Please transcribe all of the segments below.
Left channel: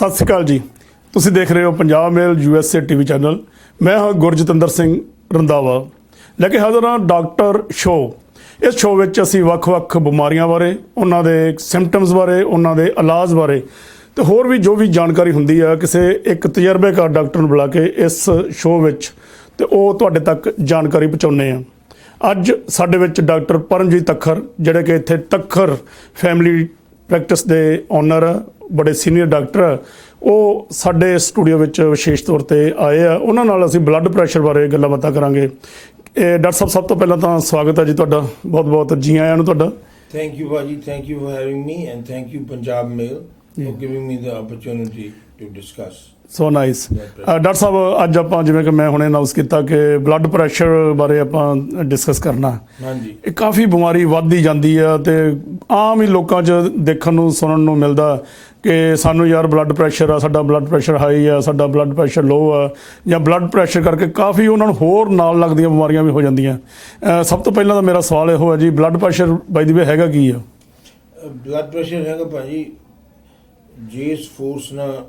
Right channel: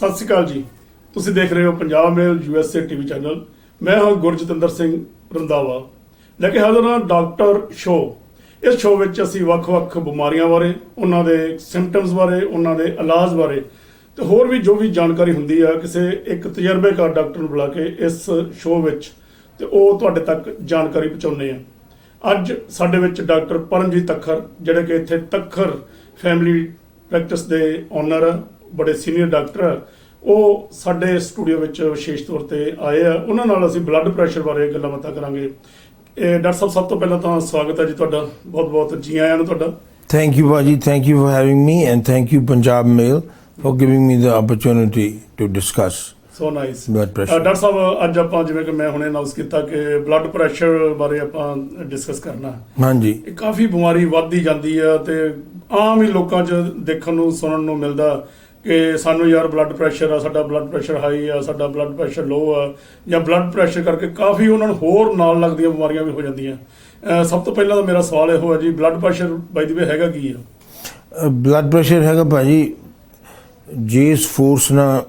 ਸਤਿ ਸ਼੍ਰੀ ਅਕਾਲ ਜੀ। ਤੁਸੀਂ ਦੇਖ ਰਹੇ ਹੋ ਪੰਜਾਬ ਮੇਲ USA ਟੀਵੀ ਚੈਨਲ। ਮੈਂ ਹਾਂ ਗੁਰਜਤਿੰਦਰ ਸਿੰਘ ਰੰਧਾਵਾ, ਲੈ ਕੇ ਹਾਜ਼ਰ ਹਾਂ ਡਾਕਟਰ ਸ਼ੋਅ। ਇਸ ਸ਼ੋਅ ਵਿੱਚ ਅਸੀਂ ਵੱਖ-ਵੱਖ ਬਿਮਾਰੀਆਂ ਬਾਰੇ, ਉਹਨਾਂ ਦੇ ਸਿੰਪਟਮਸ ਬਾਰੇ, ਉਹਨਾਂ ਦੇ ਇਲਾਜ ਬਾਰੇ ਤੇ ਹੋਰ ਵੀ ਜੋ ਵੀ ਜਾਣਕਾਰੀ ਹੁੰਦੀ ਆ ਕਿਸੇ ਇੱਕ ਤਜਰਬੇਕਾਰ ਡਾਕਟਰ ਨੂੰ ਬੁਲਾ ਕੇ ਇਸ ਸ਼ੋਅ ਵਿੱਚ ਤੇ ਉਹ ਤੁਹਾਡੇ ਤੱਕ ਜਾਣਕਾਰੀ ਪਹੁੰਚਾਉਂਦੇ ਆ। ਅੱਜ ਸਾਡੇ ਵਿੱਚ ਡਾਕਟਰ ਪਰਮਜੀਤ ਤੱਖਰ, ਜਿਹੜੇ ਕਿ ਇੱਥੇ ਤੱਖਰ ਫੈਮਿਲੀ ਪ੍ਰੈਕਟਿਸ ਦੇ ਓਨਰ, ਬੜੇ ਸੀਨੀਅਰ ਡਾਕਟਰ ਆ, ਉਹ ਸਾਡੇ ਸਟੂਡੀਓ ਵਿੱਚ ਵਿਸ਼ੇਸ਼ ਤੌਰ ਤੇ ਆਏ ਆ। ਉਹਨਾਂ ਨਾਲ ਅਸੀਂ ਬਲੱਡ ਪ੍ਰੈਸ਼ਰ ਬਾਰੇ ਗੱਲਾਂ ਬਾਤਾਂ ਕਰਾਂਗੇ। ਡਾਕਟਰ ਸਾਹਿਬ, ਸਭ ਤੋਂ ਪਹਿਲਾਂ ਤਾਂ ਸਵਾਗਤ ਹੈ ਜੀ ਤੁਹਾਡਾ, ਬਹੁਤ ਬਹੁਤ ਜੀ ਆਇਆਂ ਨੂੰ ਤੁਹਾਡਾ। Thank you, Baji. Thank you for having me, and thank you, Punjab Mail, for giving me the opportunity to discuss. So nice. Blood pressure. Doctor ਸਾਹਿਬ, ਅੱਜ ਆਪਾਂ ਜਿਵੇਂ ਕਿ ਮੈਂ ਹੁਣੇ ਅਨਾਉਂਸ ਕੀਤਾ ਕਿ ਬਲੱਡ ਪ੍ਰੈਸ਼ਰ ਬਾਰੇ ਆਪਾਂ ਡਿਸਕਸ ਕਰਨਾ। ਹਾਂਜੀ। ਇਹ ਕਾਫੀ ਬਿਮਾਰੀ ਵੱਧਦੀ ਜਾਂਦੀ ਆ ਤੇ ਆਮ ਹੀ ਲੋਕਾਂ 'ਚ ਦੇਖਣ ਨੂੰ ਸੁਣਨ ਨੂੰ ਮਿਲਦਾ ਕਿ ਸਾਨੂੰ ਯਾਰ ਬਲੱਡ ਪ੍ਰੈਸ਼ਰ ਆ, ਸਾਡਾ ਬਲੱਡ ਪ੍ਰੈਸ਼ਰ ਹਾਈ ਆ, ਸਾਡਾ ਬਲੱਡ ਪ੍ਰੈਸ਼ਰ ਲੋ ਆ, ਜਾਂ ਬਲੱਡ ਪ੍ਰੈਸ਼ਰ ਕਰਕੇ ਕਾਫੀ ਉਹਨਾਂ ਨੂੰ ਹੋਰ ਨਾਲ ਲੱਗਦੀਆਂ ਬਿਮਾਰੀਆਂ ਵੀ ਹੋ ਜਾਂਦੀਆਂ। ਸਭ ਤੋਂ ਪਹਿਲਾਂ ਤਾਂ ਮੇਰਾ ਸਵਾਲ ਇਹੋ ਹੈ ਜੀ, ਬਲੱਡ ਪ੍ਰੈਸ਼ਰ ਬਾਈ ਦੀ ਵੇ ਹੈਗਾ ਕੀ ਆ? ਬਲੱਡ ਪ੍ਰੈਸ਼ਰ ਹੈਗਾ ਭਾਜੀ, ਜਿਸ ਫੋਰਸ ਨਾਲ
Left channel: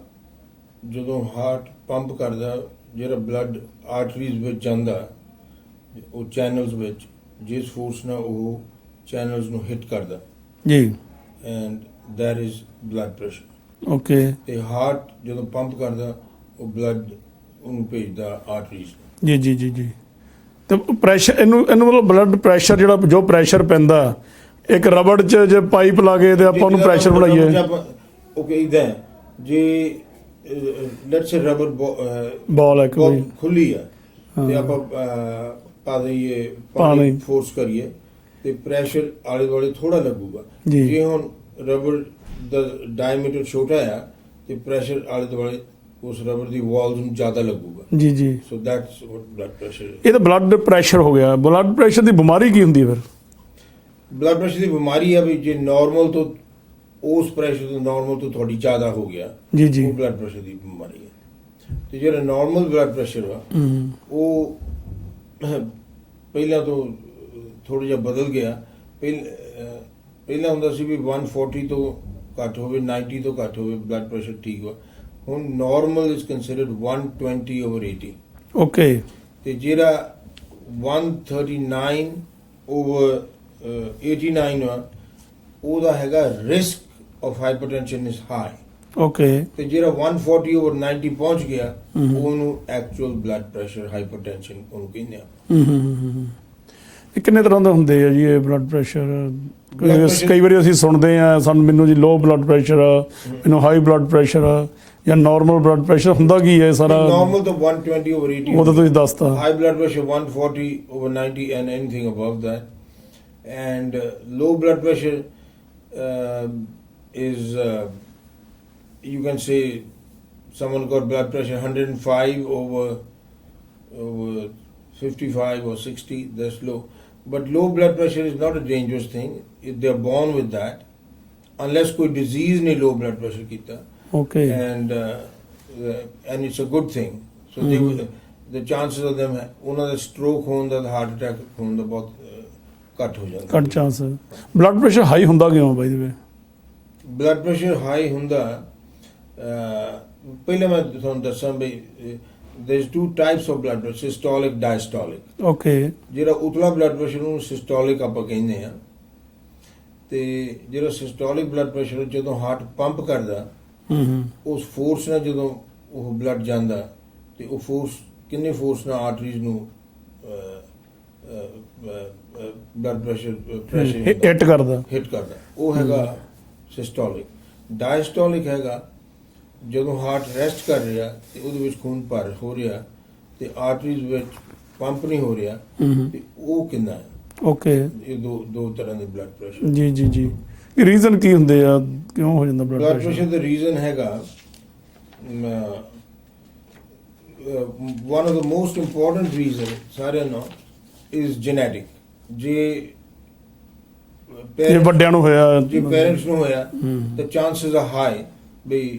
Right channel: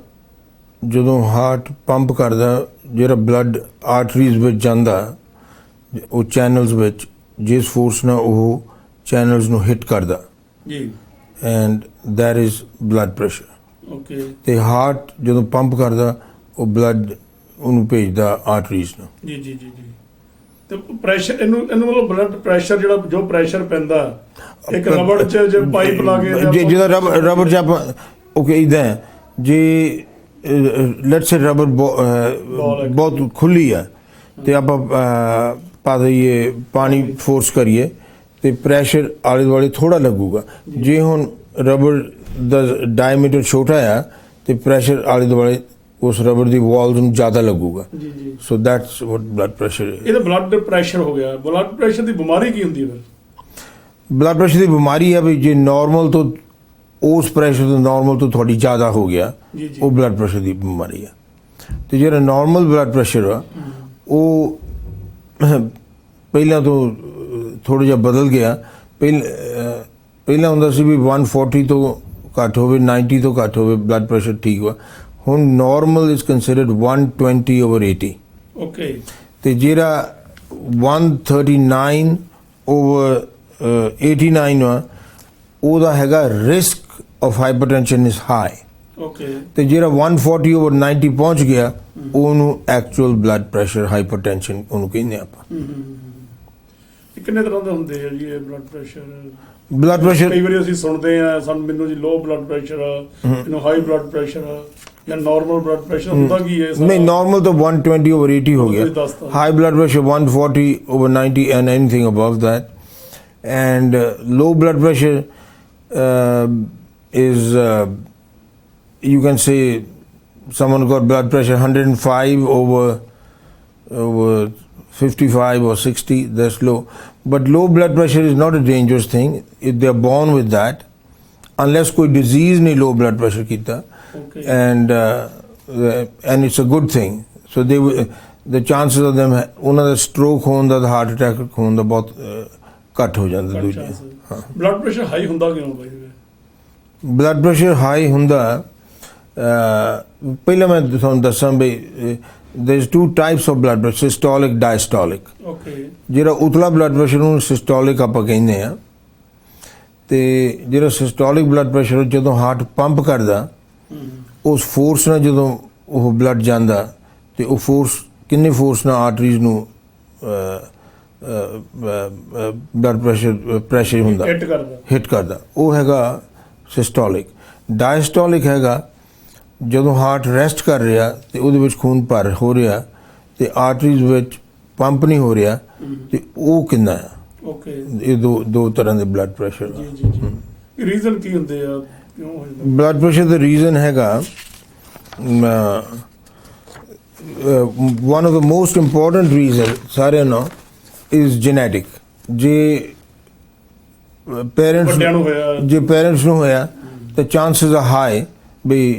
ਜਦੋਂ ਹਾਰਟ ਪੰਪ ਕਰਦਾ, ਜਿਹੜਾ ਬਲੱਡ ਆਰਟਰੀਜ਼ ਵਿੱਚ ਜਾਂਦਾ, ਉਹ ਚੈਨਲਸ ਵਿੱਚ ਜਿਸ ਫੋਰਸ ਨਾਲ ਉਹ ਚੈਨਲਸ ਨੂੰ ਹਿੱਟ ਕਰਦਾ ਜੀ, and that is blood pressure. Okay. ਤੇ ਹਾਰਟ ਜਦੋਂ ਪੰਪ ਕਰਦਾ, ਉਹ ਬਲੱਡ ਉਹਨੂੰ ਭੇਜਦਾ ਆਰਟਰੀਜ਼ ਨੂੰ। ਜੀ ਜੀ ਜੀ ਜੀ। ਤੇ ਪ੍ਰੈਸ਼ਰ ਇਹਨੂੰ ਮਤਲਬ ਬਲੱਡ ਪ੍ਰੈਸ਼ਰ ਜਿਹੜਾ ਜੋ ਪ੍ਰੈਸ਼ਰ ਪੈਂਦਾ ਇੱਕ ਰਬੜ 'ਚ ਜੇ ਪਾਈਪ ਲਾ ਕੇ ਤੇ ਆਪਾਂ ਰਬੜ 'ਚ ਆਪਾਂ ਓਕੇ ਇਦਾਂ ਜੇ ਲੈਟਸ ਸੇ ਰਬੜ ਬਹੁਤ ਖੁੱਲੀ ਹੈ ਤੇ ਆਪਾਂ ਪਾ ਦਈਏ ਪਾਣੀ ਫੋਰਸ ਕਰੀਏ ਤੇ ਪ੍ਰੈਸ਼ਰ ਆਲੇ ਦੁਆਲੇ ਥੋੜਾ ਲੱਗੂਗਾ। ਜੇ ਹੁਣ ਰਬੜ ਦਾ ਡਾਇਮੀਟਰ ਛੋਟਾ ਆ ਤੇ ਪ੍ਰੈਸ਼ਰ ਆਲੇ ਦੁਆਲੇ ਉਸ ਰਬੜ ਦੀ ਵਾਲਸ ਨੂੰ ਜ਼ਿਆਦਾ ਲੱਗੂਗਾ। ਜੀ ਜੀ। So that's what blood pressure ਹੈ। ਇਹ ਤਾਂ ਬਲੱਡ ਪ੍ਰੈਸ਼ਰ ਹੋ ਗਿਆ। ਬਲੱਡ ਪ੍ਰੈਸ਼ਰ ਦੀ ਬਿਮਾਰੀ ਕੀ ਹੁੰਦੀ ਹੈ ਫਿਰ? ਬਲੱਡ ਪ੍ਰੈਸ਼ਰ ਦੀ ਬਿਮਾਰੀ ਹੈ ਵੀ ਜੇ ਨਾਰਮਲ ਤੋਂ ਉਸ ਪ੍ਰੈਸ਼ਰ ਤੋਂ ਨਾਰਮਲ ਤੋਂ ਥੋੜੀ ਜ਼ਿਆਦਾ ਹੋ ਗਿਆ, ਉਹ ਬਲੱਡ ਪ੍ਰੈਸ਼ਰ ਦੀ ਬਿਮਾਰੀ ਹੈ। ਤੇ ਜਿਹੜਾ ਨਾਰਮਲ ਬਲੱਡ ਪ੍ਰੈਸ਼ਰ ਆ ਉਹ ਪਹਿਲਾਂ ਤੋਂ ਥੋੜਾ ਜਿਹਾ ਬਦਲ ਗਿਆ। ਪਹਿਲਾਂ ਹੁੰਦਾ ਸੀ ਵੀ 140 ਤੋਂ ਘੱਟ ਹੋਵੇ, 90 ਤੋਂ ਘੱਟ ਹੋਵੇ ਬਲੱਡ ਪ੍ਰੈਸ਼ਰ ਠੀਕ ਵਾ। ਹੁਣ ਨਾਰਮਲ ਇਜ਼ ਕੰਸੀਡਰਡ 120/80। ਓਕੇ। ਤੇ ਜਿਹੜਾ 139/89 ਵਾ, ਉਹਦਾ ਹੈਗਾ risk of hypertension is high. Okay. ਤੇ ਜਿਹੜਾ 140/90 ਪਹੁੰਚ ਗਿਆ, ਉਹਨੂੰ ਐਕਚੁਅਲ ਬਲੱਡ ਪ੍ਰੈਸ਼ਰ ਹਾਈਪਰਟੈਂਸ਼ਨ ਉਹਨੂੰ ਕਹਿੰਦੇ ਆਪਾਂ। ਇਹ ਕਿੰਨੇ ਤਰ੍ਹਾਂ ਦੇ ਹੁੰਦੇ ਆ ਜੀ ਇਹ ਬਲੱਡ ਪ੍ਰੈਸ਼ਰ? ਬਲੱਡ ਪ੍ਰੈਸ਼ਰ ਕਈ ਵਾਰੀ ਅਸੀਂ ਸੁਣਦੇ ਆ, ਮੈਨੂੰ ਜੀ ਲੋ ਬਲੱਡ ਪ੍ਰੈਸ਼ਰ ਆ, ਮੈਨੂੰ ਹਾਈ ਬਲੱਡ ਪ੍ਰੈਸ਼ਰ ਆ, ਜਾਂ ਨਾਰਮਲ ਬਲੱਡ ਪ੍ਰੈਸ਼ਰ ਹੁੰਦਾ ਕੀ ਹੈ ਸਾਰਾ? ਨਹੀਂ, ਨਾਰਮਲ ਤਾਂ 120/80 ਹੋ ਗਿਆ। ਦੱਸਤਾ। High blood pressure 140/90 and anything above that. And low blood pressure is you can say someone got blood pressure 105/55 or 60, that's low. But low blood pressure is not a dangerous thing if they are born with that, unless कोई disease ने low blood pressure कीता। Okay. And it's a good thing. So they the chances of them ਉਹਨਾਂ ਦਾ stroke ਹੋਣ ਦਾ, heart attack ਹੋਣ ਦਾ ਬਹੁਤ ਘੱਟ ਹੋ ਜਾਂਦਾ। ਘੱਟ ਚਾਂਸ। ਬਲੱਡ ਪ੍ਰੈਸ਼ਰ ਹਾਈ ਹੁੰਦਾ ਕਿਉਂ ਬਾਈ ਦੀ ਵੇ? ਬਲੱਡ ਪ੍ਰੈਸ਼ਰ ਹਾਈ ਹੁੰਦਾ, ਪਹਿਲਾਂ ਮੈਂ ਤੁਹਾਨੂੰ ਦੱਸਾਂ ਵੀ there is two types of blood pressure, systolic, diastolic. Okay. ਜਿਹੜਾ ਉਤਲਾ ਬਲੱਡ ਪ੍ਰੈਸ਼ਰ ਨੂੰ ਸਿਸਟੋਲਿਕ ਆਪਾਂ ਕਹਿੰਦੇ ਆ। ਤੇ ਜਿਹੜਾ ਸਿਸਟੋਲਿਕ ਬਲੱਡ ਪ੍ਰੈਸ਼ਰ ਜਦੋਂ ਹਾਰਟ ਪੰਪ ਕਰਦਾ, ਉਸ ਫੋਰਸ ਨਾਲ ਜਦੋਂ ਉਹ ਬਲੱਡ ਜਾਂਦਾ ਤੇ ਉਹ ਫੋਰਸ ਕਿੰਨੀ ਫੋਰਸ ਨਾਲ ਆਰਟਰੀਜ਼ ਨੂੰ ਬਲੱਡ ਪ੍ਰੈਸ਼ਰ ਹੁੰਦਾ ਹਿੱਟ ਕਰਦਾ, ਉਹ ਹੈਗਾ ਸਿਸਟੋਲਿਕ। ਡਾਇਸਟੋਲਿਕ ਹੈਗਾ ਜਦੋਂ ਹਾਰਟ ਰੈਸਟ ਕਰ ਰਿਹਾ ਤੇ ਉਹਦੇ ਵਿੱਚ ਖੂਨ ਭਰ ਹੋ ਰਿਹਾ ਤੇ ਆਰਟਰੀਜ਼ ਵਿੱਚ ਪੰਪ ਨਹੀਂ ਹੋ ਰਿਹਾ, ਤੇ ਉਹ ਕਿੰਨਾ ਆ। ਓਕੇ। ਇਹ ਦੋ ਤਰ੍ਹਾਂ ਦੇ ਬਲੱਡ ਪ੍ਰੈਸ਼ਰ। ਜੀ ਜੀ ਜੀ। ਇਹ ਰੀਜ਼ਨ ਕੀ ਹੁੰਦੇ ਆ, ਕਿਉਂ ਹੋ ਜਾਂਦਾ ਬਲੱਡ ਪ੍ਰੈਸ਼ਰ ਦਾ? ਰੀਜ਼ਨ ਹੈਗਾ one of the most important reason ਸਾਰਿਆਂ ਨੂੰ is genetic. ਜੇ ਵੱਡਿਆਂ ਨੂੰ ਹੋਇਆ, ਜੇ ਪੇਰੈਂਟਸ ਨੂੰ ਹੋਇਆ ਤਾਂ ਚਾਂਸਸ ਆ ਹਾਈ ਬਈ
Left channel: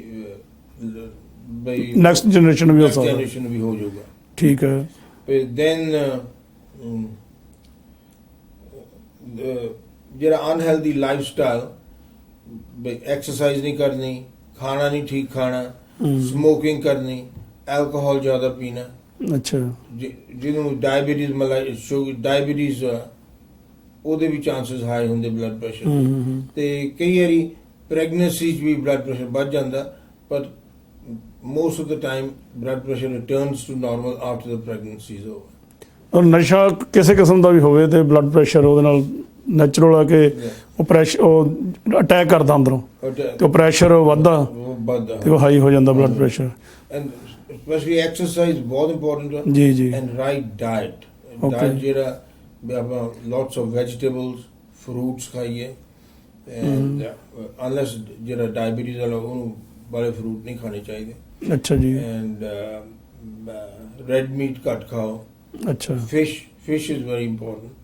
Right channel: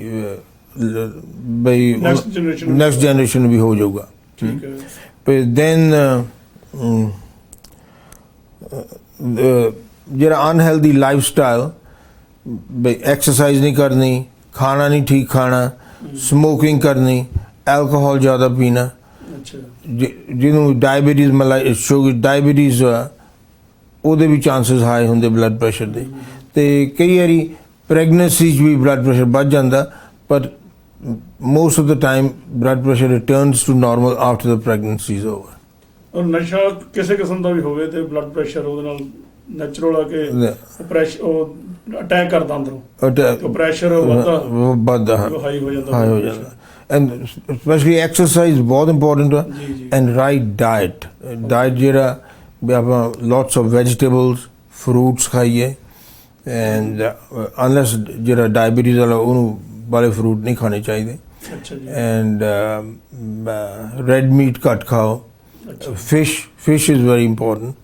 ਨੈਕਸਟ ਜਨਰੇਸ਼ਨ ਵੀ ਹੋ ਜਾਊਗਾ। ਠੀਕ ਹੈ। ਪਰ ਦੈਨ ਜਿਹੜਾ ਅਨਹੈਲਦੀ ਲਾਈਫ ਸਟਾਈਲ, ਬਈ ਐਕਸਰਸਾਈਜ਼ ਨਹੀਂ ਕਰਨੀ, ਖਾਣਾ ਨਹੀਂ ਠੀਕ ਖਾਣਾ, ਸਮੋਕਿੰਗ ਕਰਨੀ, ਐਲਕੋਹਲ ਜ਼ਿਆਦਾ ਪੀਣਾ, ਅੱਛਾ ਜਿਹਨੂੰ ਡਾਇਬੀਟੀਜ਼ ਸ਼ੂਗਰ ਡਾਇਬੀਟੀਜ਼ ਉਹਦੇ ਵੀ ਚਾਂਸਸ ਹਾਈ ਹੁੰਦੇ ਬਲੱਡ ਪ੍ਰੈਸ਼ਰ ਦੇ। ਤੇ ਕਈ ਵਾਰੀ ਪ੍ਰੈਗਨੈਂਸੀ 'ਚ ਵੀ ਬਲੱਡ ਪ੍ਰੈਸ਼ਰ ਵੱਧ ਜਾਂਦਾ, ਪਰ most of the time blood pressure returns to normal after the pregnancy is over. ਔਰ ਨਸ਼ਾ ਕਿਸੇ ਕਿਸਮ ਦਾ ਵੀ ਹੋਵੇ ਤੇ ਬਲੱਡ ਪ੍ਰੈਸ਼ਰ ਉਹਦੇ ਨਾਲ ਨੈਚੁਰਲ ਆ ਕੇ ਉਹ ਪ੍ਰੈਸ਼ਰ ਉਹ ਅਟੈਕ ਕਰਦਾ ਅੰਦਰੋਂ ਤੇ ਪ੍ਰੈਸ਼ਰ ਵੱਧਦਾ ਉਹ ਹਾਈ ਹੋ ਜਾਂਦਾ blood pressure. And specially exercise ਬਹੁਤ ਇੰਪੋਰਟੈਂਟ ਹੈ। ਜੀ ਜੀ ਐਂਡ ਰਾਈਟ ਡਾਈਟ, ਡਾਈਟ ਜਿਹੜਾ ਵੀ ਆਪਾਂ ਲੋਟਸ ਆਫ ਵੈਜੀਟੇਬਲਸ ਫਰੂਟਸ ਖਾਈਏ, ਐਂਡ ਅਨਲੈਸ ਜਿਹੜਾ ਡਾਇਬੀਟੀਜ਼ ਵਾਲਾ ਉਹਨੂੰ ਵਾਲੇ ਫਰੂਟ ਨਹੀਂ ਖਾਣੇ ਚਾਹੀਦੇ। ਅੱਛਾ ਜੀ। ਐਂਡ ਰੈਡ ਮੀਟ ਘੱਟ ਖਾਓ। ਅੱਛਾ fish is very important.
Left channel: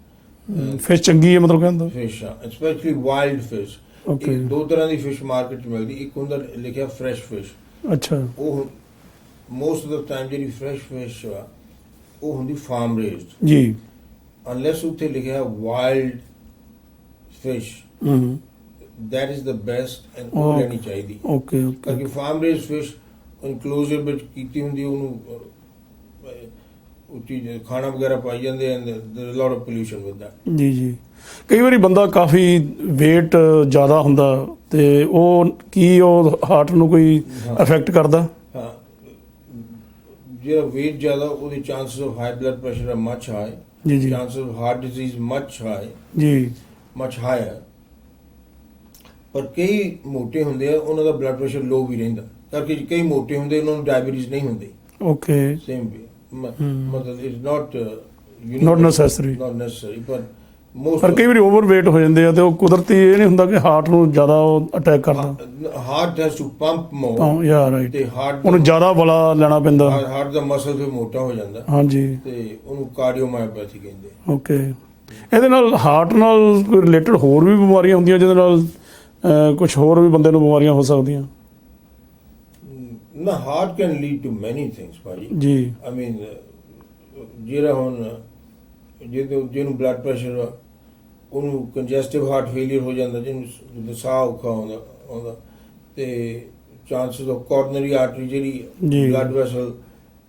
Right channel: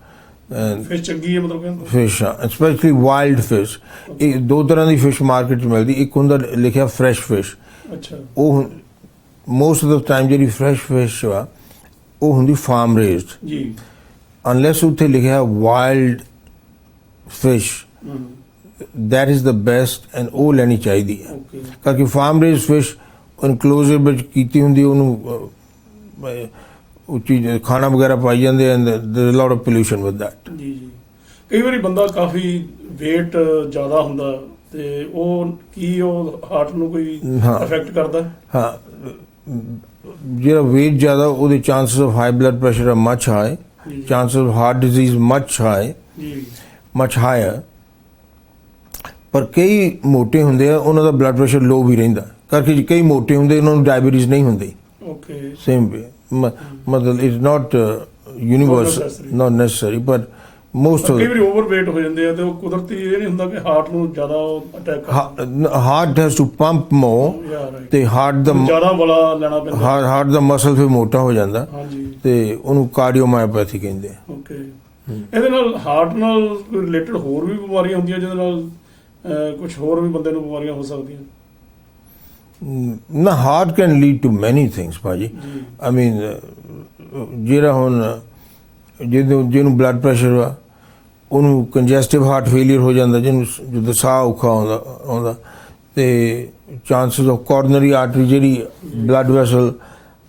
Fish ਚੰਗੀ ਹੈ ਮਤਲਬ ਕਹਿੰਦਾ ਫਿਸ਼, ਸਪੈਸ਼ਲੀ ਵਾਈਲਡ ਫਿਸ਼। ਇਹ ਦੋ ਤਰ੍ਹਾਂ ਦੀ ਫਿਸ਼ ਮਾਰਕੀਟ 'ਚ ਮਿਲਦੀ, ਇੱਕ ਹੁੰਦਾ ਲਿਖਿਆ ਫਰੈਸ਼ ਫਿਸ਼। ਅੱਛਾ ਉਹ ਮੋਸਟ ਆਫ ਦ ਟਾਈਮ ਜਿਹੜੀ ਫਰੈਸ਼ ਫਿਸ਼ ਆ ਉਹ ਹੁੰਦੀ ਫਾਰਮ ਰੇਜ਼ਡ। ਜੀ ਅਨਲੈਸ ਉੱਥੇ ਲਿਖਿਆ wild fish, that is the best, and ਉਹ ਲੈਣੀ ਚਾਹੀਦੀ ਹੈ। ਓਕੇ ਕਿਉਂਕਿ ਫਾਰਮ ਰੇਜ਼ਡ ਫਿਸ਼ ਇਨਕਲੋਜ਼ਰ ਵਿੱਚ ਕੀਤੀ ਹੁੰਦੀ, ਉਹਨੂੰ ਉਹ ਚੀਜ਼ ਖਾਣਾ ਵਗੈਰਾ ਪਾਈ ਜਾਂਦੇ, and there lot of pollution with that. ਜੀ ਜੀ। ਕਈ ਵਾਰੀ ਬੰਦਾ ਕਾਫੀ weight ਜ਼ਿਆਦਾ ਹੁੰਦਾ ਤੇ ਉਹ ਕੀ ਉਹ ਹਾਰਟ ਨੂੰ ਕੋਈ ਅਫੈਕਟ ਕਰਦਾ? ਹਾਂ, ਜਿਹੜਾ weight ਜ਼ਿਆਦਾ ਉਹਦੇ chances of high blood pressure are much high, ਜੀ ਜੀ chances of heart disease much high, ਜੀ ਮਚ ਹਾਇਰ। ਪਰ ਕਈ ਮੋਟੇ ਹੁੰਦੇ ਆ ਉਹਨਾਂ ਦਾ ਬਲੱਡ ਪ੍ਰੈਸ਼ਰ ਲੋ ਵੀ ਰਹਿੰਦਾ, ਕਰਕੇ ਕਈ ਮੋਟੇ ਹੁੰਦੇ ਉਹਨਾਂ ਨੂੰ ਡਾਇਬੀਟੀਜ਼ ਨਹੀਂ ਹੁੰਦੀ। ਓਕੇ ਸੇਮ ਵੇ ਮਤਲਬ it's not universal, not necessary, but most ਕਈ ਵਾਰੀ ਓਵਰਵੇਟ ਹੋ ਜਾਂਦੇ ਆ ਤੇ ਉਹ ਕੁਦਰਤੀ ਇਹ ਨਹੀਂ ਹੁੰਦਾ ਕਿ ਹਾਰਟ ਨੂੰ ਜ਼ਿਆਦਾ ਅਟੈਕ ਕਰਦਾ। ਹਾਰਟ ਹੈਜ਼ ਟੂ ਪੰਪ ਮੋਰ, ਯਾ ਰਾਈਟ, ਤੇ ਹਾਰਟ ਦਾ ਜ਼ਿਆਦਾ ਬਲਾ ਲੈਣਾ ਪੈਂਦਾ, ਹਾਰਟ ਦਾ ਮਸਲ ਫਿਰ ਮੋਟਾ ਹੋ ਜਾਂਦਾ। ਹਾਂਜੀ, ਤੇ ਉਹਨੂੰ ਕਾਰਡੀਓਮਾਇਓਪੈਥੀ ਕਹਿੰਦੇ ਆ। ਓਕੇ। ਇਹਦੇ ਨਾਲ ਹਾਰਟ ਨਾਲ ਕੋਈ ਰਿਲੇਟਡ ਹੋਰ ਵੀ ਬਿਮਾਰੀਆਂ ਹੁੰਦੀਆਂ ਜਿਹਦੇ ਨਾਲ ਕੁਝ ਹੋਰ ਵੀ ਬੰਦੇ ਨੂੰ ਬਿਮਾਰੀਆਂ ਹੋ ਸਕਦੀਆਂ? ਨਾ, ਹਾਰਟ ਕੈਨ ਲੀਡ ਟੂ ਮੈਨੀ ਥਿੰਗਸ ਭਾਜੀ। ਜੀ, ਆਈ ਮੀਨ ਜਿਹੜਾ ਹੁਣ ਜਿਹਨੂੰ ਬਲੱਡ ਪ੍ਰੈਸ਼ਰ ਆ ਉਹਨੂੰ ਕੰਜੈਸਟਿਵ ਹਾਰਟ ਫੇਲੀਅਰ ਹੋ ਜਾਂਦਾ, ਜਿਹਨੂੰ ਜਦੋਂ ਸਾਹ ਔਖਾ ਆਉਂਦਾ ਤੇ ਚਾਂਸਸ ਆਫ ਕੋਰਨਰੀ ਆਰਟਰੀ ਜਿਹੜੀ ਬਲੱਡ ਵੈਸਲ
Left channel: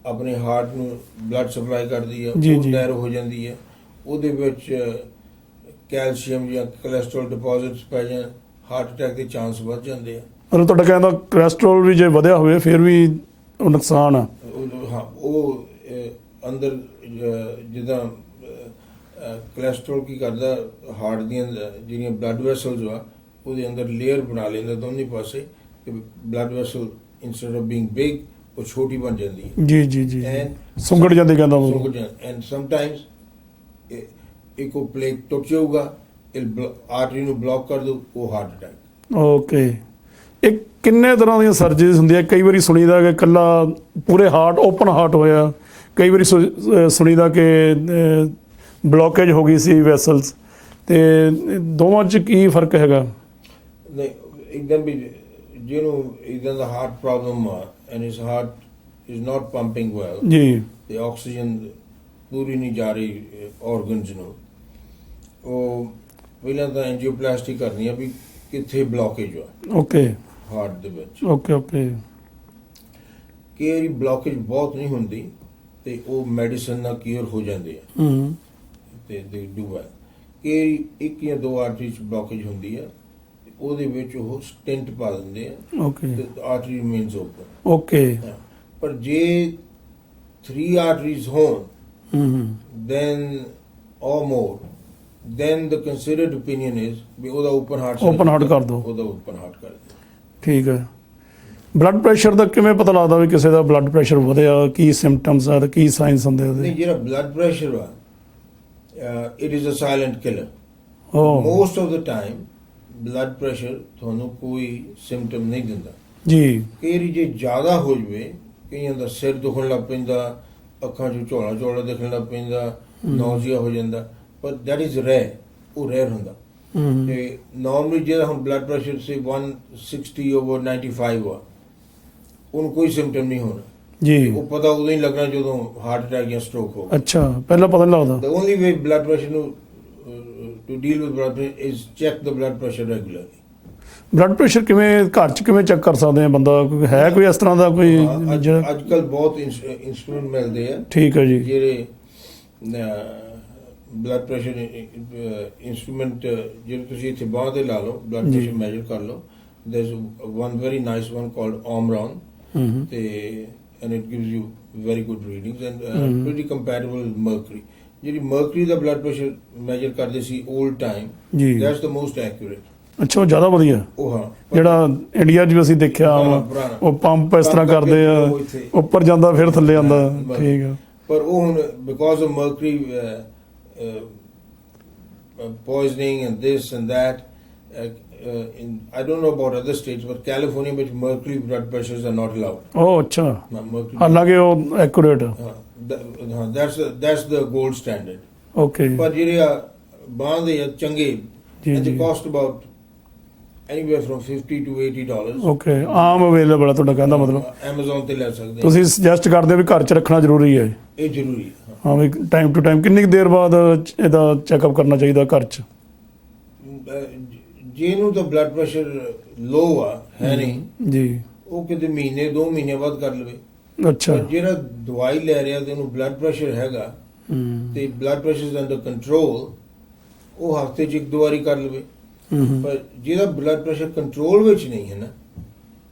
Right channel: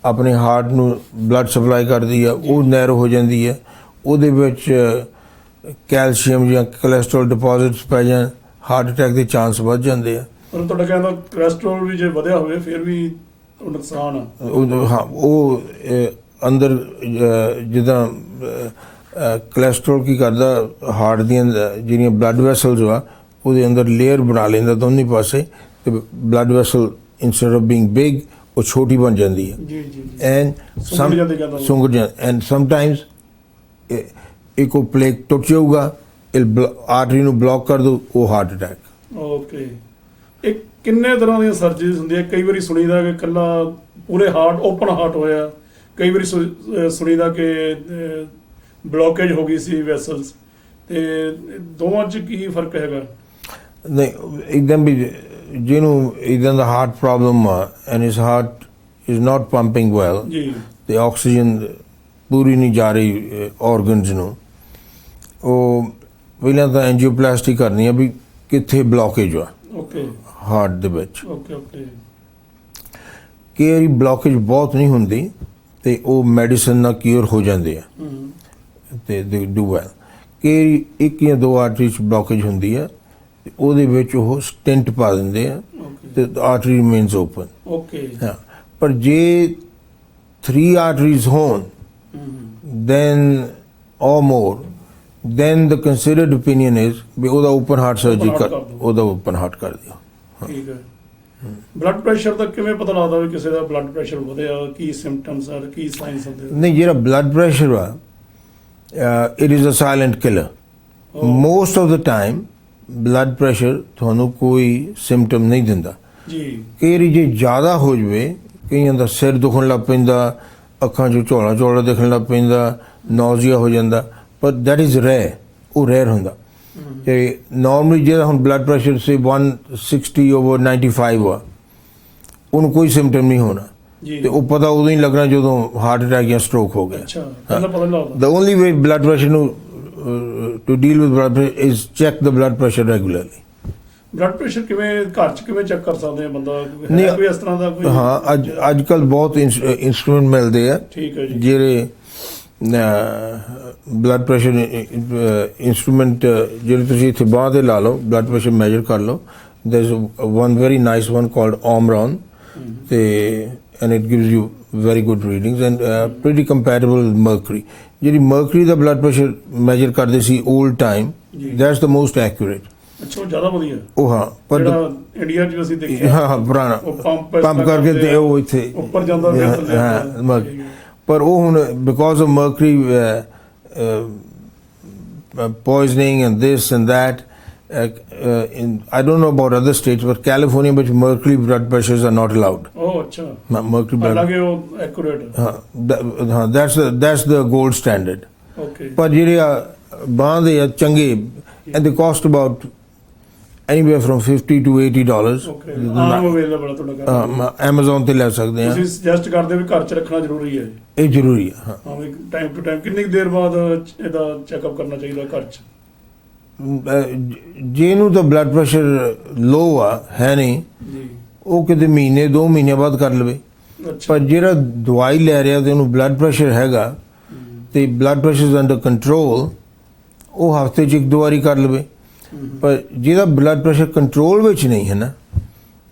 ਆਪਣੇ ਹਾਰਟ ਨੂੰ ਬਲੱਡ ਸਪਲਾਈ ਕਰਦੀ ਆ ਉਹ ਨੈਰੋ ਹੋ ਜਾਂਦੀ ਹੈ, ਉਹਦੇ ਵਿੱਚ ਕੈਲਸ਼ੀਅਮ ਜਾਂ ਕੋਲੈਸਟਰੋਲ ਡਿਪੋਜ਼ਿਟਸ ਪੈ ਜਾਣ, ਹਾਰਟ ਅਟੈਕ ਦੇ ਚਾਂਸ ਵੱਧ ਜਾਂਦੇ ਆ। ਮਤਲਬ ਤੁਹਾਡਾ ਕਹਿੰਦਾ ਕੋਲੈਸਟਰੋਲ ਵੀ ਜੇ ਵਧਿਆ ਹੋਵੇ ਫਿਰ ਵੀ ਉਹ ਨੁਕਸਾਨ ਆ? ਹਾਂ, ਉਹ ਅੰਦਰ ਜਿੱਦਾਂ ਕੋਲੈਸਟਰੋਲ ਕੀ ਕਰਦਾ, ਹਾਰਟ ਦੀਆਂ ਜਿਹੜੀਆਂ ਬਲੱਡ ਵੈਸਲਸ ਆ ਉਹਦੇ ਅੰਦਰ ਲੇਅਰ ਬਣਾ ਲੈਂਦਾ ਦੋਨੇ ਪਾਸੇ, ਤੇ blood vessel instead of being big ਉਹ ਛੋਟੀ ਬਣ ਜਾਂਦੀ ਹੈ। ਜੀ ਜੀ ਜੀ, ਐਂਡ ਸੁੰਗੜ ਜਾਂਦੀ ਕਹਿੰਦਾ, ਸੁੰਗੜ ਜਾਂਦੀ। ਐਂਡ ਸਮਟਾਈਮਸ ਇੱਕ ਉਹ ਪਲੇਕ ਟੁੱਟ ਜਾਊਗਾ, ਆਰਟਰੀ ਨੂੰ ਬਲੌਕ ਕਰ ਦੋ, ਉਹ ਹਾਰਟ ਅਟੈਕ। ਓਕੇ। ਇਹ ਕਿੰਨੇ ਤਰ੍ਹਾਂ ਦੀਆਂ ਸਰਜਰੀਜ਼ ਹੁੰਦੀਆਂ? ਕਈ ਵਾਰੀ ਸੁਣੀਦਾ ਕਿ ਇਕੱਲਾ ਪੂਰੇ ਹਾਰਟ ਓਪਨ ਹਾਰਟ ਹੋਇਆ, ਕਈ ਵਾਰੀ ਸੁਣੀਦਾ ਕਿ ਬਲੌਕੇਜ ਹੋ ਗਈ ਸੀ ਵੈਸਲਸ, ਤੇ ਦੋਵਾਂ 'ਚ ਕੀ ਫਰਕ ਹੈਗਾ? ਨਹੀਂ, ਇੱਦਾਂ ਵੀ ਜਿਹਨੂੰ ਇੱਦਾਂ ਦਾ ਹਾਰਟ ਪ੍ਰੋਬਲਮ ਆ and his heart is not pumping well ਜੀ, ਤੇ ਆਕਸੀਜਨ ਪੂਰੀ ਨਹੀਂ ਜਾ ਰਹੀ ਆਰਗਨਸ ਨੂੰ, ਉਹ ਪਹਿਲਾਂ ਤਾਂ ਐਂਜੀਓਪਲਾਸਟੀ ਕਰਨੀ ਆ ਵੀ ਕਿੱਥੇ ਬਲੌਕੇਜ ਆ ਓਕੇ, ਹਾਰਟ ਦੇ ਵਿੱਚ। Okay okay. ਕਈ ਵਾਰੀ ਬਲੌਕੇਜ ਬਹੁਤ ਨਹੀਂ ਹੁੰਦੀ ਤੇ ਉਹ ਮੈਡੀਸਨ ਨਾਲ ਕਿਉਰ ਹੋ ਜਾਂਦੇ ਆ ਤੇ ਦੇ ਡੂ ਵੈਲ। ਕਈ ਇੱਕ ਜਾਂ ਦੋ ਆਰਟਰੀ 'ਚ ਬਲੌਕੇਜ ਹੁੰਦੀ ਆ ਤੇ ਉਹਦੇ ਵਿੱਚ ਉਹ ਸਟੈਂਟ ਪਾ ਦਿੰਦੇ ਆ ਤੇ ਆਰਟਰੀ ਰਿਮੇਨਸ ਓਪਨ। ਓਕੇ। ਹਾਂ, ਪਰ ਜੇ 3 ਆਰਟਰੀਜ਼ ਹੋਣ then or more, then the considered opinion is ਵੀ ਉਹਦਾ ਓਪਨ ਹਾਰਟ ਸਰਜਰੀ ਕਰ ਦਿਓ, ਉਹਦਾ ਓਪਨ ਹਾਰਟ ਕਰ ਦਿਓ। ਠੀਕ ਹੈ। ਬਲੱਡ ਪ੍ਰੈਸ਼ਰ ਦਾ ਕਿਵੇਂ ਪਤਾ ਲੱਗਦਾ ਵੀ ਕਿਸੇ ਦਾ ਬਲੱਡ ਪ੍ਰੈਸ਼ਰ ਵਧਿਆ? ਕੀ ਸਿੰਪਟਮਸ ਆ, ਕੀ ਸਾਈਨਸ ਹੁੰਦੇ ਉਹਦੇ? ਨਹੀਂ, ਜਿਹੜਾ ਬਲੱਡ ਪ੍ਰੈਸ਼ਰ ਆ it is a silent killer. Most of the time blood pressure ਤੁਹਾਨੂੰ ਕੋਈ ਸਿੰਪਟਮ ਨਹੀਂ ਦਿੰਦਾ ਜੀ। ਕਈ ਵਾਰੀ ਜੇ ਜ਼ਿਆਦਾ ਹੋ ਜਾਵੇ, ਕਈਆਂ ਦਾ ਸਿਰ ਦੁਖਣ ਲੱਗ ਪੈਂਦਾ, ਅੱਖਾਂ 'ਚੋਂ ਝੋਲਾ ਝੋਲਾ ਦਿਖਣ ਲੱਗ ਪੈਂਦਾ, ਨੌਜ਼ੀਆ ਹੋ ਜਾਂਦਾ, ਪਰ ਦੈਟ ਇਜ਼ ਰੇਅਰ, ਉਹ ਰੇਅਰ ਹੁੰਦਾ। ਤੇ ਨਾਰਮਲੀ ਜਿਹੜਾ ਹੁਣ ਬਲੱਡ ਪ੍ਰੈਸ਼ਰ ਸੇ 160 ਓਵਰ 95 ਆ, ਉਹਨੂੰ ਕੋਈ ਸਿੰਪਟਮ ਨਹੀਂ ਹੋਣਾ ਜੀ, ਤੇ ਉਹ ਪਤਾ ਉਦੋਂ ਹੀ ਲੱਗਣਾ ਜਦੋਂ ਹਾਰਟ ਅਟੈਕ ਜਾਂ ਸਟ੍ਰੋਕ ਹੋ ਗਿਆ। ਅੱਛਾ, ਪਹਿਲਾਂ ਪਤਾ ਨਹੀਂ ਲੱਗਦਾ। The only way blood pressure to deal with blood pressure is check the blood pressure regularly. Blood pressure ਕਿਵੇਂ ਘਰ 'ਚ ਕਿਵੇਂ ਚੈੱਕ ਕਰ ਸਕਦੇ ਆ ਬੰਦਾ? ਹੈ ਨਹੀਂ, ਕੋਈ ਇਸ ਤਰ੍ਹਾਂ ਦਾ ਕੋਈ? ਹਾਂ, ਅੱਜ ਕੱਲ ਬਹੁਤ ਇੰਸਟਰੂਮੈਂਟ ਮਿਲਦੇ ਆ, ਠੀਕ ਹੈ ਜੀ, ਜਿਹੜੇ ਬਲੱਡ ਪ੍ਰੈਸ਼ਰ ਇੰਸਟਰੂਮੈਂਟ ਜਿਹੜੇ ਤੁਸੀਂ ਇੱਥੇ ਬਾਂਹ ਤੇ ਲਾ ਲਓ, ਬਲੱਡ ਪ੍ਰੈਸ਼ਰ ਮੈਜਰ ਕਰ ਲਓ। There is one very nice one called Omron, ਤੇ and it gives you very good readings and pretty compatible with mercury. ਜਿਹੜੀ mercury ਦਾ ਬਲੱਡ ਪ੍ਰੈਸ਼ਰ ਮੈਜਰ ਕਰਦੇ ਸੀ old time, that's the most accurate. ਅੱਛਾ, ਉਹ ਜ਼ਿਆਦਾ ਵਧੀਆ। ਉਹ ਹਾਂ, ਜਿਹੜਾ ਇੰਡੀਆ 'ਚ ਅਸੀਂ ਦੇਖਿਆ, ਹਾਂ ਪੁਰਾਣਾ, ਉਹ ਪੰਪ ਇਸ ਤਰ੍ਹਾਂ ਕਰਦੇ ਆ, ਉਹ ਇੱਥੇ ਉੱਪਰ ਜਾਂਦਾ ਫਿਰ ਥੱਲੇ ਆਉਂਦਾ। ਠੀਕ ਹੈ, ਪਰ ਉਹ ਹੁਣ because of mercury poisoning and this and that, I don't know about other states, but California ਵਿੱਚ mercury blood pressures are not allowed. ਉਹ ਅੱਛਾ, mercury blood, ਹਾਲਾਂਕਿ ਉਹ ਐਕੂਰੇਟ। ਹਾਂ, that's the gold standard. Okay, ਪਰ ਜਿਹੜੇ ਬਾਂਹ ਦੇ ਆ ਚੰਗੇ, and they cost about anywhere from $50 to $80. Okay, Aam available ਹੈ ਤੁਹਾਡਾ ਕਹਿੰਦਾ? Amazon ਤੇ ਲੈ ਸਕਦੇ ਆ। ਤੁਸੀਂ ਸੁਜੈਸਟ ਕਰਦੇ ਵੀ ਘਰ 'ਚ ਰੱਖਣਾ ਜ਼ਰੂਰੀ ਹੈ? ਇਹ ਜ਼ਰੂਰੀ ਹੈ, ਹਾਂ ਵੀ ਟਾਈਮ ਟੂ ਟਾਈਮ ਕਿੰਨੀ ਕੁ ਦੇਰ ਬਾਅਦ ਇਹਦਾ ਚੈੱਕਅਪ ਕਰਨਾ ਚਾਹੀਦਾ ਘਰ 'ਚ? ਜਿਹਨੂੰ ਤਾਂ ਬਲੱਡ ਪ੍ਰੈਸ਼ਰ ਲੋ ਆ ਹੈ ਨਹੀਂ ਜੀ, ਉਹ ਕਿਤੇ ਮਹੀਨੇ 2 ਮਹੀਨੇ ਬਾਅਦ ਕਰ ਲਵੇ। ਅੱਛਾ, ਪਰ ਜਿਹੜਾ ਦਵਾਈ ਲੈ ਰਿਹਾ ਤੇ ਉਹਨੂੰ ਬਲੱਡ ਪ੍ਰੈਸ਼ਰ ਹੈਗਾ ਤੇ blood pressure is under control, ਉਹ ਹਫ਼ਤੇ 'ਚ 1-2 ਵਾਰੀ ਕਰ ਲਵੇ। ਪਰ ਜਿਹਦਾ ਬਲੱਡ ਪ੍ਰੈਸ਼ਰ ਕੰਟਰੋਲ ਵਿੱਚ ਨਹੀਂ ਹੈ ਨਾ,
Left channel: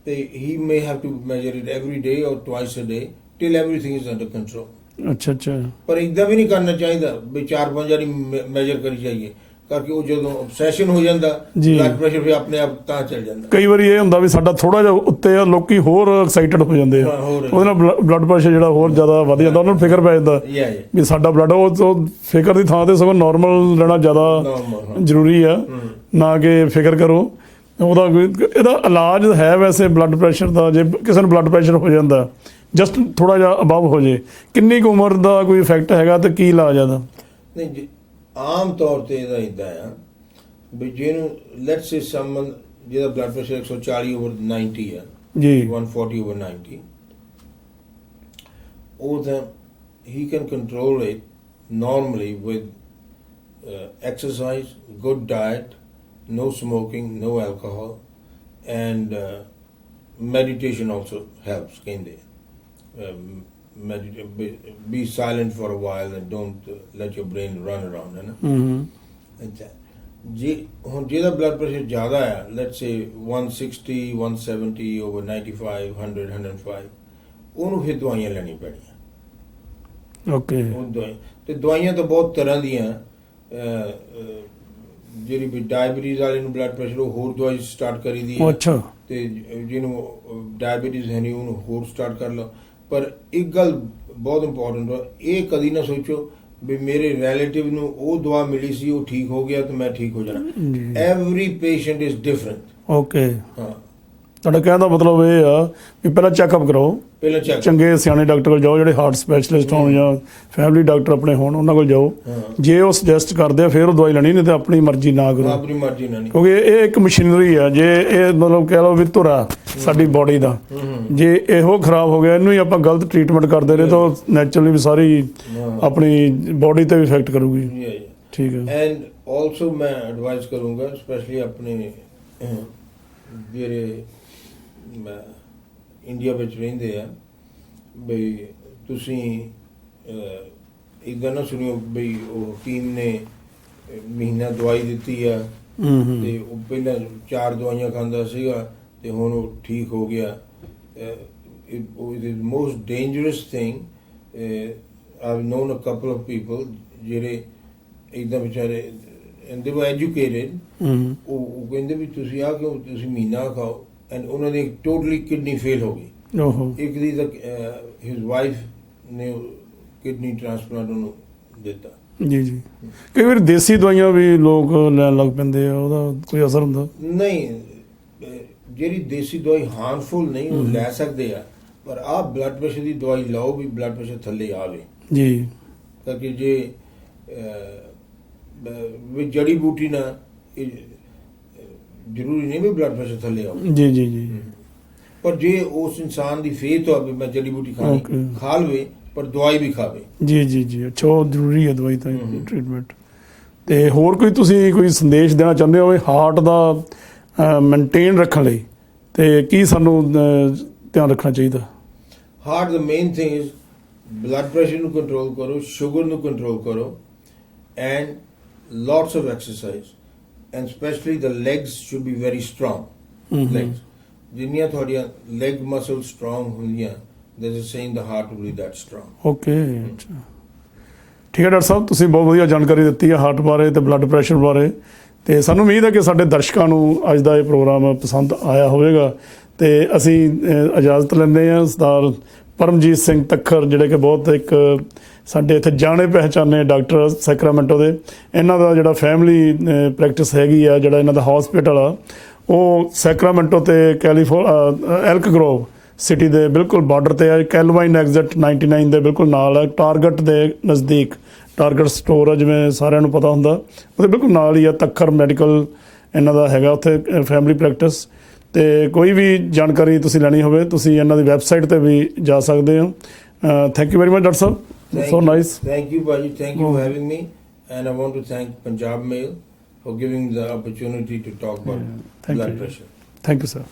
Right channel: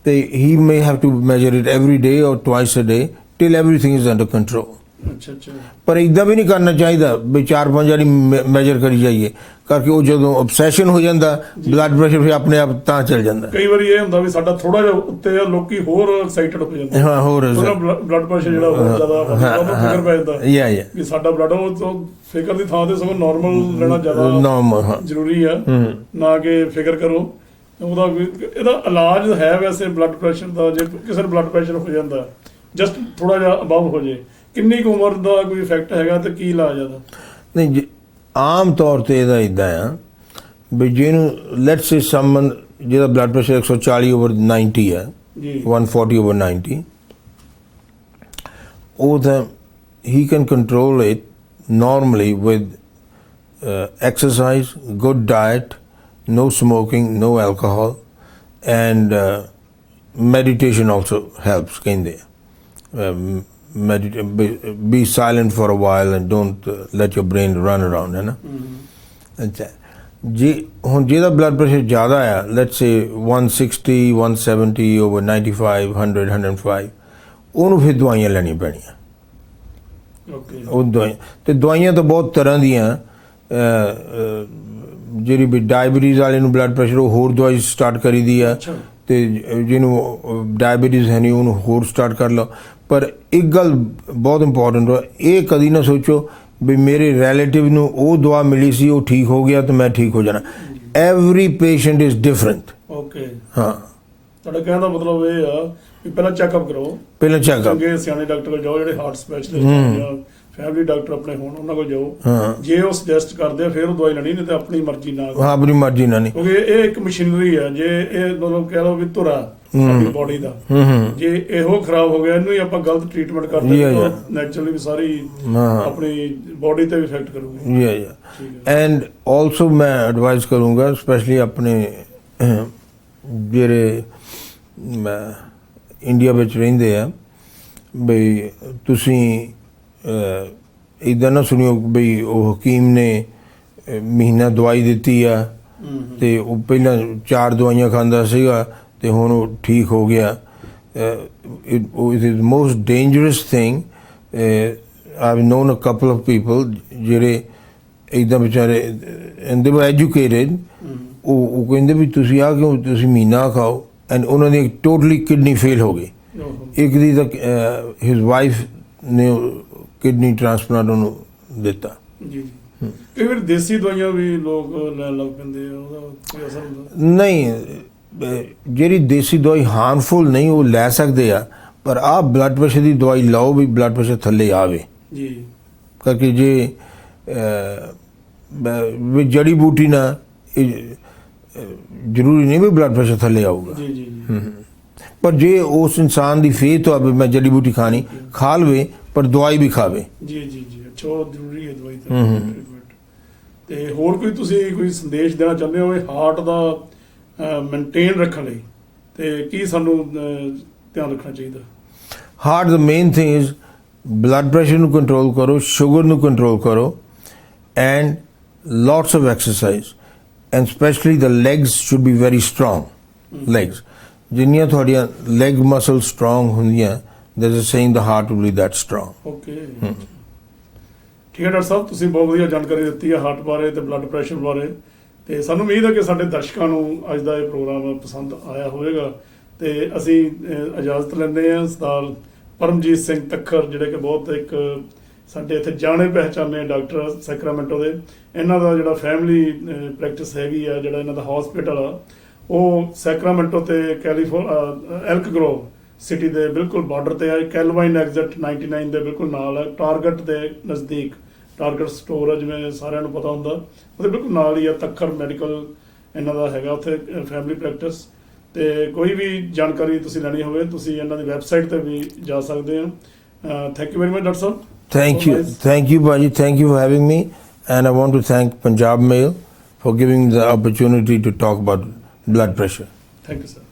ਤੇ he may have to measure it every day or twice a day till everything is under control. ਅੱਛਾ ਅੱਛਾ, ਪਰ ਇੱਦਾਂ ਵੀ ਨਹੀਂ ਕਰਨਾ ਚਾਹੀਦਾ ਵੀ 4-5 ਵਾਰੀ ਮੈਜਰ ਕਰੀ ਜਾਈਏ, ਕਰਕੇ ਉਹ ਜਦੋਂ obsession ਹੋ ਜਾਂਦਾ ਬਲੱਡ ਪ੍ਰੈਸ਼ਰ ਫਿਰ ਆਪਣੇ ਆਪ ਤਾਂ ਚੱਲ ਜਾਂਦਾ। ਕਈ ਵਾਰੀ ਇਹ ਹੁੰਦਾ ਵੀ ਸਾਡਾ ਥੋੜਾ ਜਿਹਾ ਉੱਤੇ ਆ, ਲੋਕੀ ਹੋਰ ਐਕਸਾਈਟਡ ਹੋ ਜਾਂਦੇ ਆ, ਉਹਦੇ ਨਾਲ ਬਲੱਡ ਪ੍ਰੈਸ਼ਰ ਜਿਹੜਾ ਹੋਰ ਜ਼ਿਆਦਾ ਵਧ ਜਾਂਦਾ, ਉਹਨੂੰ ਫਿਕਰ ਪੈ ਜਾਂਦਾ ਵੀ ਸਾਡਾ ਬਲੱਡ, ਉਹ ਫਿਕਰ ਦੀ ਥਾਂ ਤੇ ਸਗੋਂ ਨਾਰਮਲ ਰਹਿਣਾ ਜ਼ਿਆਦਾ ਜ਼ਰੂਰੀ ਆ, ਨਾ ਕਿ ਫਿਕਰ ਕਰੋ। ਉਹਦਾ ਇਹਦਾ ਇਲਾਜ ਹੈ ਵੈਸੇ ਬਲੱਡ ਪ੍ਰੈਸ਼ਰ ਦਾ? ਜੇ ਕਿਸੇ ਨੂੰ ਬਲੱਡ ਪ੍ਰੈਸ਼ਰ ਹੋ ਜਾਂਦਾ, ਜਸਟ ਥੋੜਾ ਜਿਹਾ ਅਬਵ ਹੋ ਜੇ, ਕਿੰਨੀ ਕੁ ਉਮਰ ਦਾ ਕੋਈ ਇਫੈਕਟ ਹੈਗਾ ਤੇ ਕੀ ਇਲਾਜ ਇਹਦਾ? ਨਹੀਂ, ਆਮ ਤੌਰ ਤੇ ਇਹਦਾ ਇਦਾਂ ਆ ਵੀ ਜਿਹਨੂੰ ਲੈਟਸ ਸੇ ਸਮਨ ਜਿਹਦਾ ਬਲੱਡ ਪ੍ਰੈਸ਼ਰ 140/90 ਹੈ ਜੀ, 140/90, ਉਹ ਤਾਂ he can control it normally with exercise, good diet, no smoking, no alcohol, and meditation also helps, ਕਹਿੰਦੇ be silent for a while and don't let your brain run around, है ना? अच्छा, जी ਹੁਣ ਜਿਹਦਾ ਬਲੱਡ ਪ੍ਰੈਸ਼ਰ ਜ਼ਿਆਦਾ ਆ, let's say 160, 170/95, 100, 105, ਉਹਨੂੰ ਫਿਰ ਦਵਾਈਆਂ ਲੈਣੀਆਂ ਪੈਣੀਆਂ। ਓਕੇ, ਉਹ ਦਵਾਈਆਂ ਤਾਂ ਬਹੁਤ ਤਰ੍ਹਾਂ ਦੀਆਂ, ਜਿਹੜੀ ਵੀ ਡਾਇਬਟੀਜ਼ ਵਾਲੇ ਨੂੰ ਬਲੱਡ ਪ੍ਰੈਸ਼ਰ, ਉਹ ਹੋਰ ਦਵਾਈ ਸਟਾਰਟ ਕਰੀ ਦੀ ਆ, ਤੇ ਜਿਹਨੂੰ ਡਾਇਬਟੀਜ਼ ਹੈ ਨਹੀਂ ਉਹਨੂੰ ਹੋਰ ਸਟਾਰਟ ਕਰ ਲਓ। ਪਰ ਇੱਕ ਗੱਲ ਬਹੁਤ ਇੰਪੋਰਟੈਂਟ ਹੈ, ਇਹ ਕਦੀ ਨਾ ਸੋਚੋ ਵੀ ਮੇਰੇ ਰਿਲੇਟਿਵ ਨੂੰ ਉਹ ਦਵਾ ਮਿਲੀ ਸੀ, ਉਹ ਠੀਕ ਹੋ ਗਿਆ ਤੇ ਮੈਂ ਠੀਕ ਹੋ ਜਾਣਾ। Every patient is different. Okay, ਹਾਂ, ਤੁਹਾਡਾ ਕਹਿਣ ਦਾ ਮਤਲਬ ਇਹ ਆ ਵੀ ਪਹਿਲਾਂ ਚੈੱਕਅਪ ਕਰਾਓ, ਪਹਿਲਾਂ ਚੈੱਕ, ਚੰਗੇ ਸਿਆਣੇ ਡਾਕਟਰ ਕੋਲ ਜਾਓ, ਜਿਹੜੇ ਹਾਰਟ ਸਪੈਸ਼ਲਿਸਟ ਹੋਣ ਜਾਂ ਫੈਮਿਲੀ ਡਾਕਟਰ ਆਪਣੇ ਹੋਣ, ਉਹਨਾਂ ਕੋਲ ਜਾਓ। ਜੇ ਉਹ ਸੁਜੈਸਟ ਕਰਦੇ ਆ ਫਿਰ ਉਹ ਦਵਾਈ ਲੈਣੀ, ਨਹੀਂ ਤੇ ਆਪਣੀ ਮਰਜ਼ੀ ਨਾਲ ਕਰੋ। ਆਪਣੀ ਮਰਜ਼ੀ ਨਾਲ ਨਹੀਂ, ਕਿਉਂਕਿ ਇਹ ਇੱਕ ਮਸ਼ੀਨਰੀ ਆ। ਜੇ ਇਹ ਮਤਲਬ ਕਹਿ ਲਓ ਵੀ ਧੁਰਾ ਸਾਡੀ ਬੋਡੀ ਦਾ, ਜੇ ਇਹੋ ਖਰਾਬ ਹੋ ਗਿਆ, ਇਹਨੂੰ ਹੀ ਆਪਾਂ ਗਲਤ ਟ੍ਰੀਟਮੈਂਟ ਕਰਦੇ ਨੇ ਤਾਂ ਨੈਚੁਰਲੀ ਵੀ ਸਾਰੀ ਆਪਣੀ ਬੋਡੀ ਤੇ ਵੀ ਇਫੈਕਟ ਕਰੂਗੀ। ਠੀਕ ਹੈ। ਐਂਡ ਆਲਸੋ ਮੈਂ ਐਡਵਾਈਸ ਕਰੂੰਗਾ, ਸਪੈਸ਼ਲੀ ਆਪਣੇ ਜਿਹੜੇ ਇੰਡੀਆ ਵਿੱਚ ਰਹਿੰਦੇ ਆ, ਬਈ ਤੁਸੀਂ ਇੱਦਾਂ ਨਾ ਸੁਣਿਓ ਬਈ ਉਹ ਹਕੀਮ ਨੇ ਮਹੀਨਾ ਦਵਾਈ ਦਿੱਤੀ ਆ ਤੇ ਉਹ ਪਹਿਲਾਂ 4 ਦਵਾਈਆਂ ਖਾਂਦਾ ਸੀਗਾ ਤੇ ਹੁਣ ਉਹ ਠੀਕ ਹੋ ਗਿਆ। it is most dangerous thing. I've known a couple of people ਜਿਹੜੇ ਇੱਦਾਂ ਵਿਚਾਰੇ, and they were educated, ਉਹ ਕਹਿੰਦੇ ਵੀ ਤੁਸੀਂ ਆ ਕਿਉਂ, ਤੁਸੀਂ ਮਹੀਨਾ ਖਾਓ, ਐਂਡ ਉਹਨਾਂ ਦੀ ਟੋਟਲੀ ਕਿਡਨੀ ਫੇਲ ਹੋ ਗਈ। ਇੱਕ ਦੀ ਤਾਂ ਹਿਸ ਵਾਈਫ ਨੇ ਕਿਡਨੀ ਟ੍ਰਾਂਸਪਲਾਂਟ ਉਹਨੂੰ ਦਿੱਤਾ। ਜੀ ਜੀ, ਕਈ ਵਾਰ ਦੇਸੀ ਦਵਾਈਆਂ ਵੀ ਲੋਕ ਲੈਣ ਲੱਗ ਪੈਂਦੇ ਆ, ਉਹਦਾ ਕੋਈ ਅਸਰ ਹੁੰਦਾ? ਨਹੀਂ, ਜਿਹੜੀ ਦੇਸੀ ਦਵਾਈ ਹਾਰਮਫੁਲ ਨਹੀਂ, ਉਹ ਲੈ ਸਕਦੇ ਆ, ਪਰ ਆਹ ਬਲੱਡ ਪ੍ਰੈਸ਼ਰ ਦੀ ਦਵਾਈ ਲਾਓ ਵੀ ਬਲੱਡ ਪ੍ਰੈਸ਼ਰ ਥੱਲੇ ਆਵੇ ਜੀ, ਕਰਕੇ ਜੇ ਜੜੀ ਬੂਟੀ ਨਾਲ ਜ਼ਰੂਰੀ ਨਹੀਂ ਵੀ ਬਲੱਡ ਪ੍ਰੈਸ਼ਰ ਥੱਲੇ ਆਊ। ਜੀ ਜੀ ਜੀ, ਪਰ ਜੇ ਉਸ ਇਨਸਾਨ ਦੀ ਫੇਥ ਹੋਵੇ ਮੈਂ ਜੜੀ ਬੂਟੀ ਖਾਣੀ, ਖਾ ਲਵੇ, ਪਰ ਦਵਾਈ ਵੀ ਖਾਵੇ। ਜੀ ਜੀ ਜੀ, ਅੱਛਾ, ਉਹ ਜ਼ਰੂਰੀ ਹੈ ਦਵਾਈ ਤਾਂ ਟ੍ਰੀਟਮੈਂਟ। ਤੇ ਹੋਰ ਕੋਈ ਤੁਸੀਂ ਕੋਈ ਸੰਦੇਸ਼ ਦੇਣਾ ਚਾਹੁੰਦੇ ਹੋ ਹਾਰਟ ਦਾ ਮੇਨਟੇਨ ਰੱਖਣ ਲਈ ਤੇ ਕੀ ਸਾਨੂੰ ਧਿਆਨ ਰੱਖਣਾ ਚਾਹੀਦਾ? Heart the main thing is blood pressure ਨੂੰ ਕੰਟਰੋਲ ਕਰੋ, ਸ਼ੂਗਰ ਨੂੰ ਕੰਟਰੋਲ ਕਰੋ, and lots of exercise, and especially the legs should be very strong. Legs, ਜਿੰਨੀਆਂ ਤੁਹਾਡੀਆਂ leg muscles strong ਹੁੰਦੀਆਂ, there's a saying the heart will be that strong. Okay, ਠੀਕ ਹੈ doctor ਸਾਹਿਬ, ਤੁਸੀਂ ਬਹੁਤ ਵਧੀਆ ਜਾਣਕਾਰੀ ਦਿੱਤੀ ਹੈ ਹਾਰਟ ਬਾਰੇ ਤੇ ਬਲੱਡ ਪ੍ਰੈਸ਼ਰ ਬਾਰੇ, ਤੇ ਸਾਨੂੰ ਉਮੀਦ ਹੈ ਕਿ ਸਾਡੇ ਦਰਸ਼ਕਾਂ ਨੂੰ ਅੱਜ ਦਾ ਇਹ ਪ੍ਰੋਗਰਾਮ ਪਸੰਦ ਆਇਆ ਹੋਵੇਗਾ। ਤੇ ਅਸੀਂ ਇਜਾਜ਼ਤ ਲੈਂਦੇ ਹਾਂ ਸਰਦਾਰ ਪਰਮਜੀਤ ਸਿੰਘ ਤੱਖਰ, ਜਿਹੜੇ ਕਿ ਬਹੁਤ ਇੱਕ ਸਾਡੇ ਇੱਥੇ ਜਾਣੇ ਪਹਿਚਾਨੇ ਡਾਕਟਰ ਸੈਕਰਾਮੈਂਟੋ ਦੇ। ਇਹਨਾਂ ਦਾ ਜਿਹੜਾ ਫੈਮਿਲੀ ਪ੍ਰੈਕਟਿਸ ਹੈਗੀ ਆ, ਜਿਹੜਾ ਇਹਨਾਂ ਦਾ ਹਸਪੀਟਲ ਆ, ਉਹ ਸੈਕਰਾਮੈਂਟੋ ਤੇ ਐਲਕ ਗਰੋਵ ਸਿਟੀ ਦੇ ਬਿਲਕੁਲ ਬਾਰਡਰ ਤੇ ਹੈ। ਕੈਲਵਾਈਨ ਐਗਜ਼ਿਟ 99 ਦੇ ਬਿਲਕੁਲ ਨਾਲ ਹੈ, ਟਾਰਗੇਟ ਦੇ ਨਜ਼ਦੀਕ। ਟਾਰਗੇਟ ਸਟੋਰ ਆ, ਜਿਵੇਂ ਸਾਰਿਆਂ ਨੂੰ ਪਤਾ ਹੁੰਦਾ, ਉਹਦੇ ਬਿਲਕੁਲ ਨਾਲ ਹੀ ਆ ਤੱਖਰ ਮੈਡੀਕਲ ਇਹਨਾਂ ਦਾ ਹੈਗਾ ਉੱਥੇ ਫੈਮਿਲੀ ਪ੍ਰੈਕਟਿਸ। ਤੇ ਕੋਈ ਵੀ ਜਾਣਕਾਰੀ ਤੁਸੀਂ ਲੈਣੀ ਹੋਵੇ, ਤੁਸੀਂ ਇਹਨਾਂ ਦੀ ਵੈਬਸਾਈਟ ਤੇ ਵੀ ਜਾ ਸਕਦੇ ਹੋ। Thank you very much doctor Sahib. Thank you, Baji. Thank you for having me. And I want to thank Punjab Mail for giving the opportunity to talk about blood pressure. Thank you, sir.